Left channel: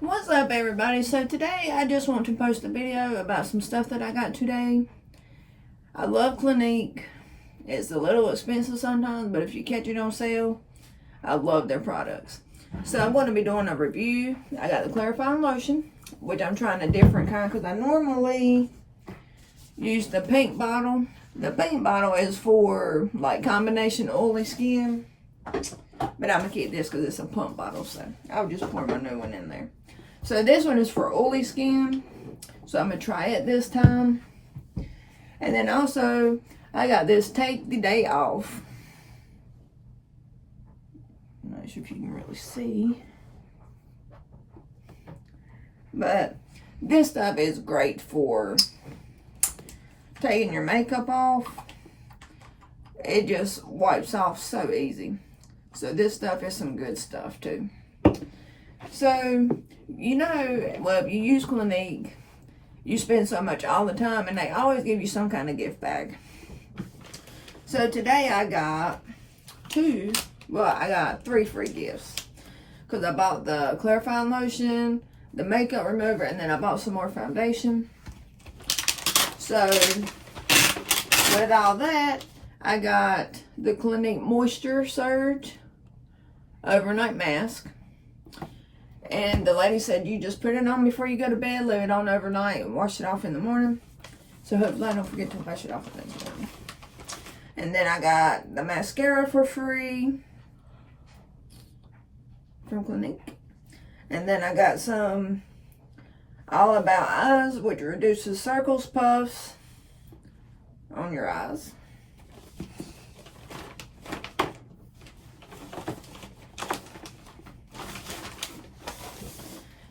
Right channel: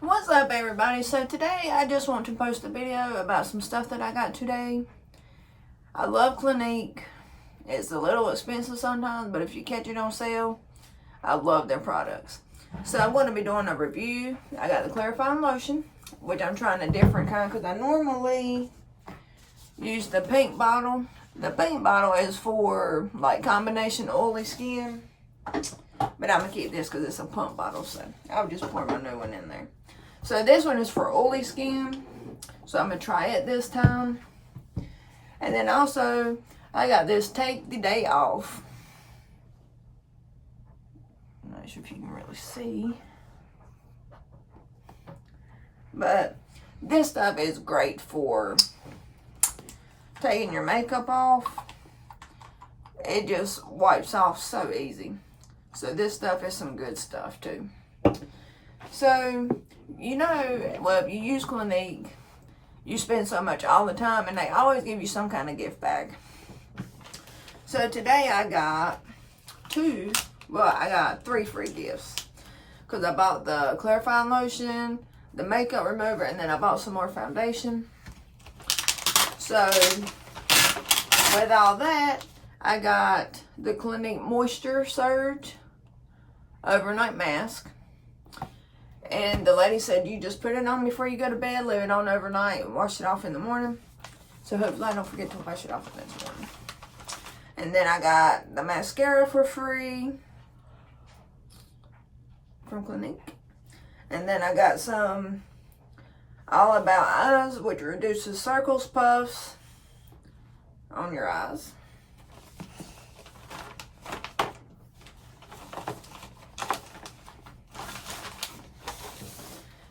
What's up, everybody? So today I just want to post a video about some stuff that I got today. I love Clinique. It's a little expensive sometimes, but if you catch it on sale, I love their products. So I'm going to be doing a review. I got the clarifying lotion, which I'm trying a different kind because I normally use the pink bottle. The pink bottle is for like combination oily skin, but I'm going to keep this because it's a pump bottle, so I'll just pour my new one in there. So this one is for oily skin, so I'm going to try it this time. And then also, I got this Take the Day Off. I'm not sure if you can really see. But this stuff is great for taking your makeup off. It just wipes off so easy. So this stuff is some good stuff too. So, you know, well, if you use Clinique, you spend so much all the time, and they always give you some kind of gift bag. So today I got I got 3 free gifts. Because I bought the clarifying lotion, the makeup remover, and then I bought some more foundation. So, with all that, I got the Clinique Moisture Surge overnight mask. And the lady said, you just put it on before you go to bed, leave it on overnight, and wash it off in the morning. So hopefully I don't forget to wash it off the next morning. And then I got the mascara for free from Clinique. And then I got some All About Eyes, which reduces circles, puffs on your eyes.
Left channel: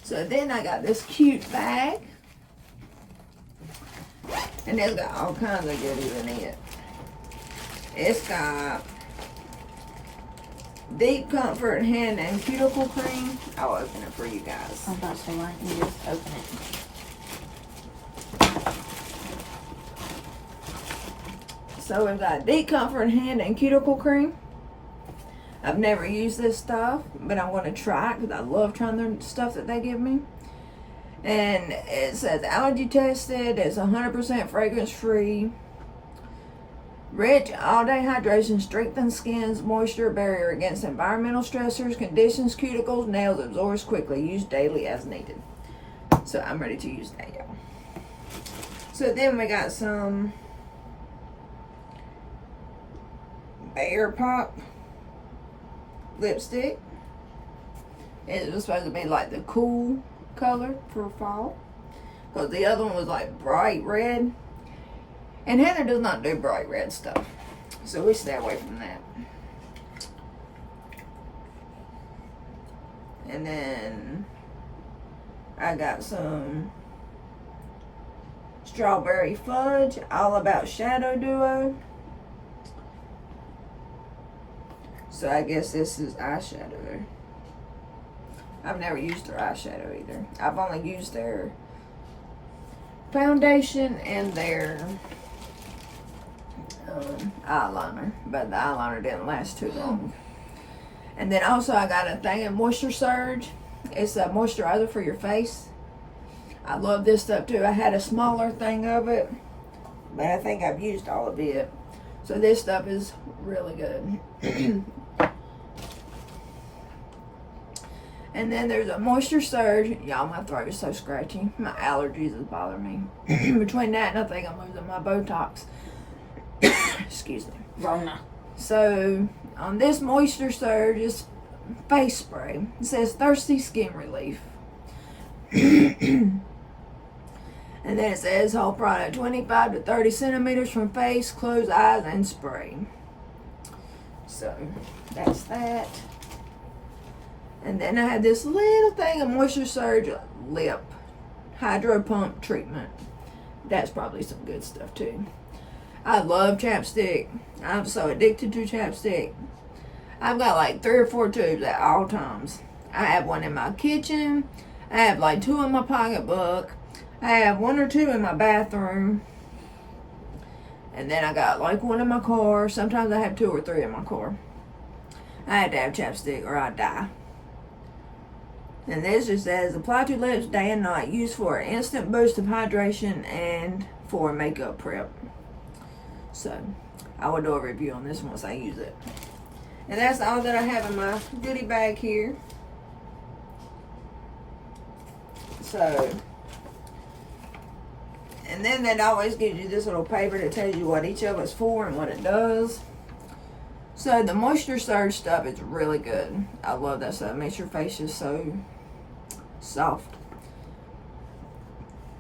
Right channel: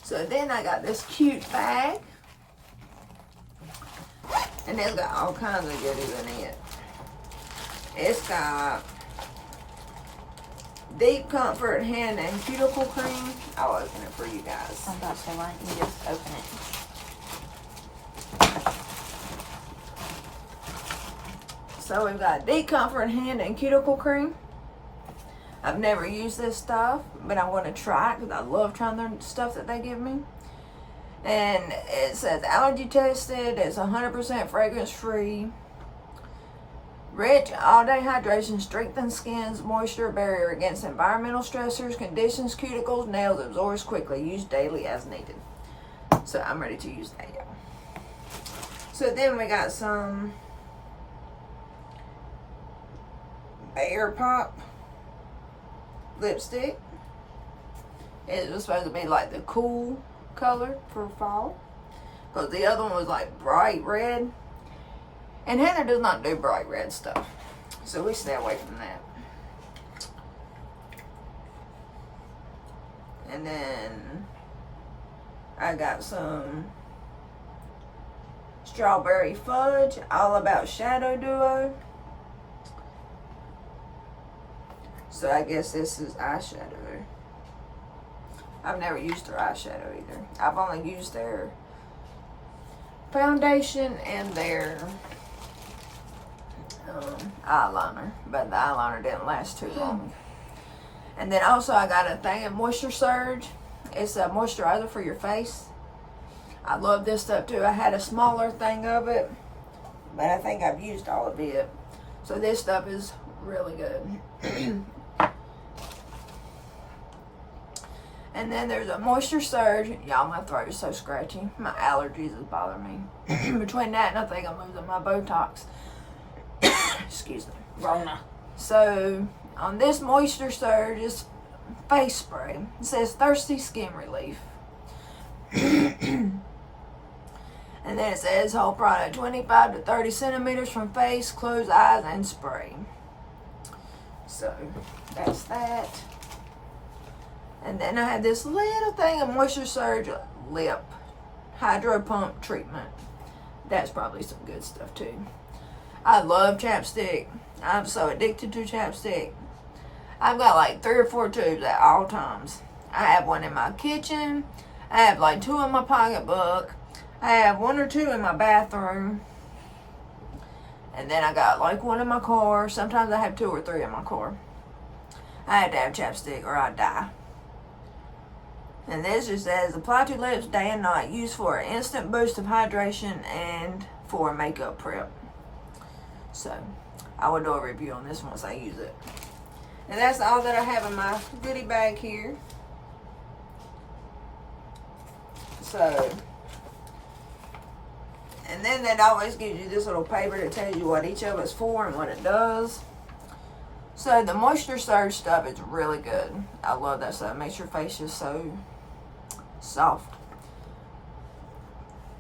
So then I got this cute bag. And it's got all kinds of goodies in it. It's got Deep Comfort Hand and Cuticle Cream. I'll open it for you guys. I'm about to right here. Open it. So we've got Deep Comfort Hand and Cuticle Cream. I've never used this stuff, but I'm going to try it because I love trying their stuff that they give me. And it says allergy tested. It's 100% fragrance free. Rich all-day hydration strengthens skin's moisture barrier against environmental stressors, conditions cuticles, nails, absorbs quickly. Use daily as needed. So I'm ready to use that, y'all. So then we got some Bear Pop lipstick. It was supposed to be like the cool color for fall, because the other one was like bright red, and Hannah does not do bright red stuff, so we stay away from that. And then I got some Strawberry Fudge All About Shadow Duo. So I guess this is eyeshadow. I've never used their eyeshadow either. I've only used their foundation and their eyeliner. But the eyeliner didn't last too long. And then also I got a thing of Moisture Surge. It's a moisturizer for your face. I love this stuff too. I had a smaller thing of it, but I think I've used all of it. So this stuff is really good. And then there's a Moisture Surge. Y'all, my throat is so scratchy. My allergies is bothering me. Between that and I think I'm losing my Botox. Excuse me. Rona. So on this Moisture Surge is face spray. It says thirsty skin relief. And then it says whole product 25 to 30 centimeters from face, closed eyes, and spray. So that's that. And then I had this little thing of Moisture Surge lip hydro pump treatment. That's probably some good stuff too. I love chapstick. I'm so addicted to chapstick. I've got like 3 or 4 tubes at all times. I have one in my kitchen. I have like 2 in my pocketbook. I have 1 or 2 in my bathroom. And then I got like 1 in my car. Sometimes I have 2 or 3 in my car. I had to have chapstick or I'd die. And this just says, apply to lips day and night. Used for an instant boost of hydration and for makeup prep. So, I will do a review on this once I use it. And that's all that I have in my goodie bag here. So, and then that always gives you this little paper that tells you what each of it's for and what it does. So the Moisture Surge stuff is really good. I love that stuff. It makes your face just so soft.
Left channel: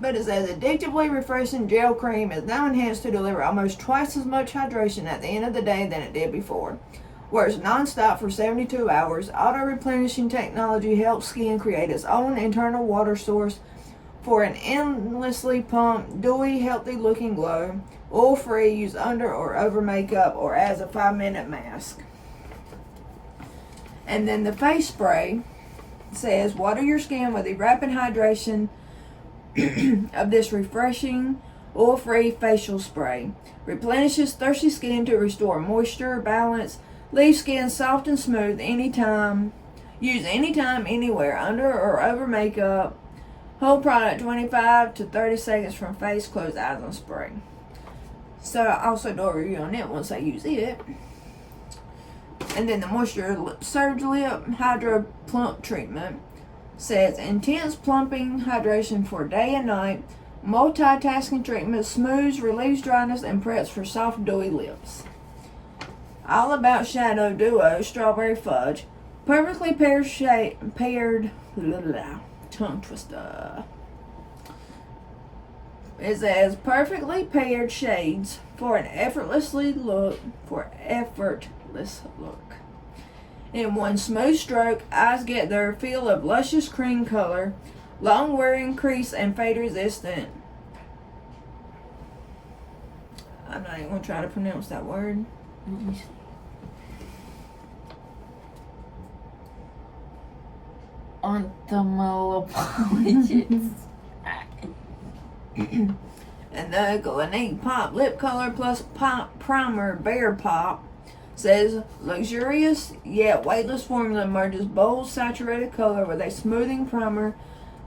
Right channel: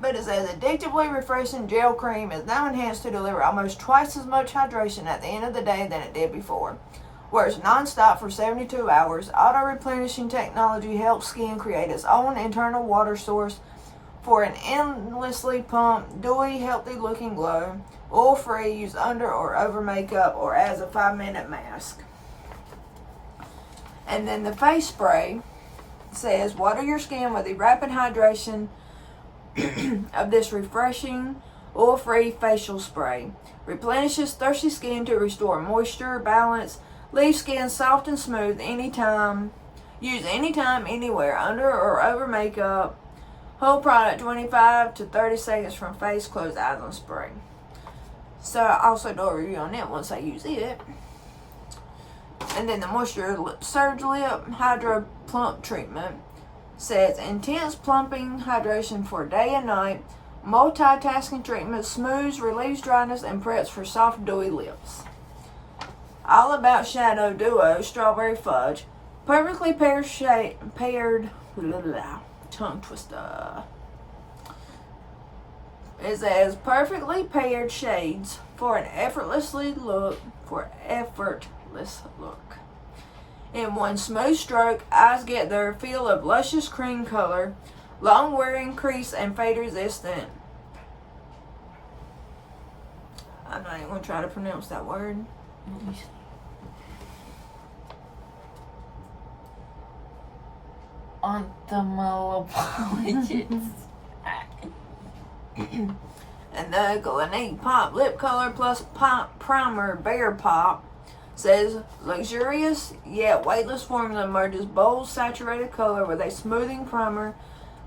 But it says addictively refreshing gel cream is now enhanced to deliver almost twice as much hydration at the end of the day than it did before. Works non-stop for 72 hours. Auto-replenishing technology helps skin create its own internal water source for an endlessly pumped, dewy, healthy-looking glow. Oil-free, use under or over makeup or as a 5-minute mask. And then the face spray says, water your skin with the rapid hydration of this refreshing, oil-free facial spray. Replenishes thirsty skin to restore moisture, balance, leave skin soft and smooth anytime. Use anytime, anywhere, under or over makeup. Whole product 25 to 30 seconds from face, close eyes on spray. So I also do a review on it once I use it. And then the Moisture Surge Lip Hydro Plump Treatment says intense plumping hydration for day and night. Multitasking treatment smooths, relieves dryness, and preps for soft, dewy lips. All About Shadow Duo Strawberry Fudge. Perfectly paired tongue twister. It says perfectly paired shades for an effortless look. In one smooth stroke, eyes get their feel of luscious cream color, long wearing crease and fade resistant. I'm not even gonna try to pronounce that word. Let me see. Ophthalmologist. And the Clinique Pop Lip Color Plus Pop Primer Bear Pop says luxurious yet weightless formula merges bold saturated color with a smoothing primer,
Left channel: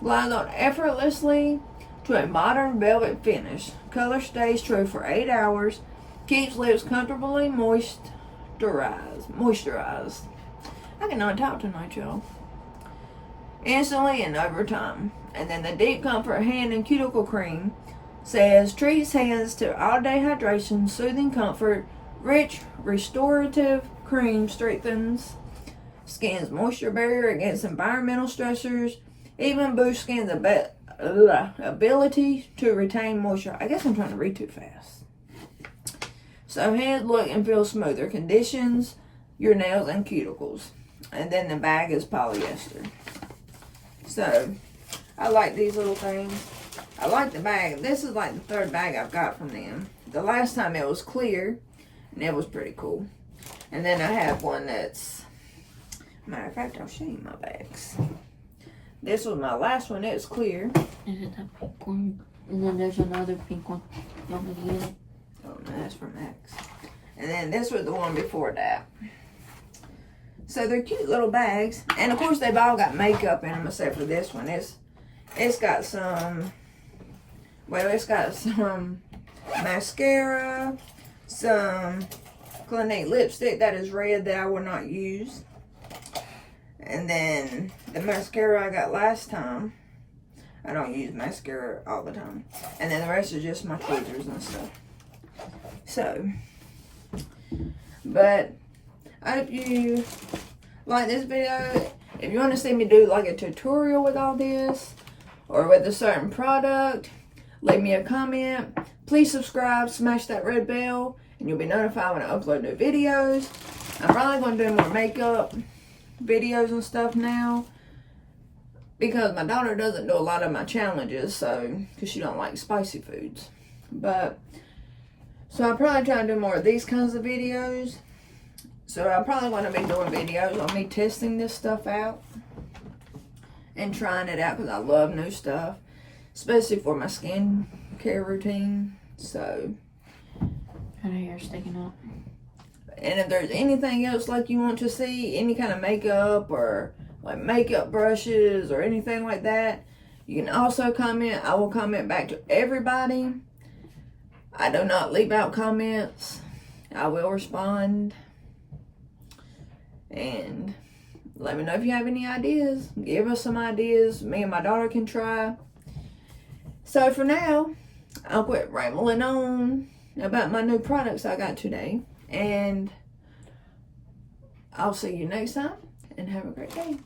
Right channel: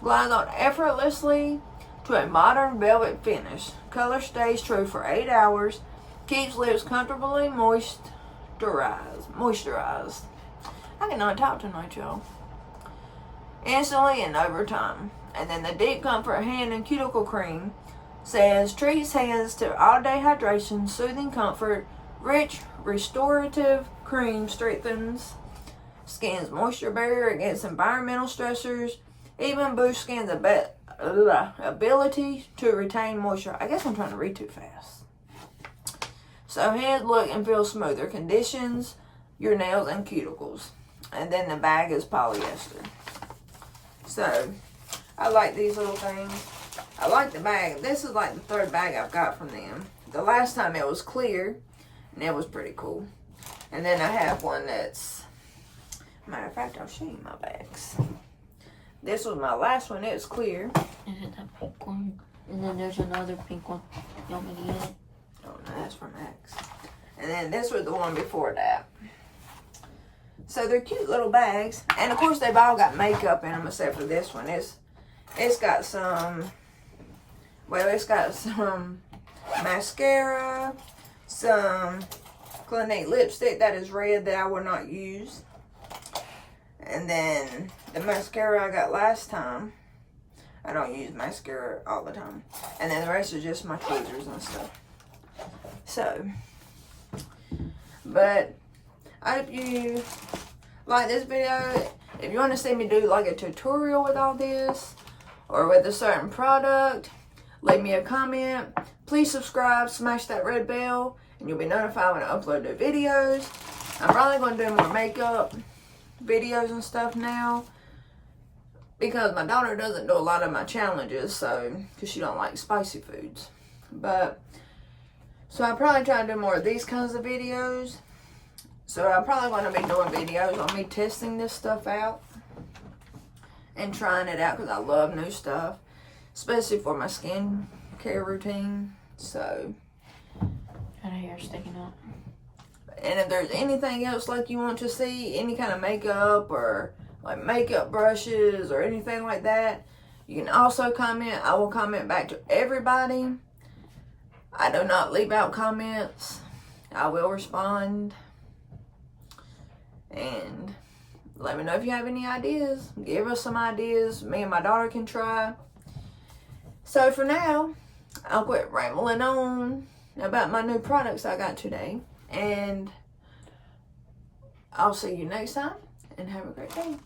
glides on effortlessly to a modern velvet finish. Color stays true for 8 hours, keeps lips comfortably moisturized. I cannot talk tonight, y'all. Instantly and over time. And then the Deep Comfort Hand and Cuticle Cream says treats hands to all-day hydration, soothing comfort, rich restorative cream strengthens skin's moisture barrier against environmental stressors, even boosts skin's ability to retain moisture. I guess I'm trying to read too fast. So hands look and feel smoother, conditions your nails and cuticles. And then the bag is polyester. So I like these little things. I like the bag. This is like the third bag I've got from them. The last time it was clear, and it was pretty cool. And then I have one that's, matter of fact, I'll show you my bags. This was my last one. It was clear. Is it that pink one? And then there's another pink one. You want me to get it? Oh, no, that's from X. And then this was the one before that. So they're cute little bags. And of course, they've all got makeup in them except for this one. It's got some, well, it's got some mascara, some Clinique lipstick that is red that I will not use. And then the mascara I got last time. I don't use mascara all the time. And then the rest are just my tweezers and stuff. So, but I hope you like this video. If you want to see me do like a tutorial with all this or with a certain product, leave me a comment. Please subscribe, smash that red bell, and you'll be notified when I upload new videos. I'm probably going to do more makeup videos and stuff now because my daughter doesn't do a lot of my challenges, so because she don't like spicy foods. But so I'll probably try to do more of these kinds of videos. So I'm probably going to be doing videos on me testing this stuff out and trying it out because I love new stuff, especially for my skin care routine. So, Kind of hair sticking up. and if there's anything else like you want to see, any kind of makeup or like makeup brushes or anything like that, you can also comment. I will comment back to everybody. I do not leave out comments. I will respond. And let me know if you have any ideas. Give us some ideas. Me and my daughter can try. So for now, I'll quit rambling on about my new products I got today. And I'll see you next time. And have a great day.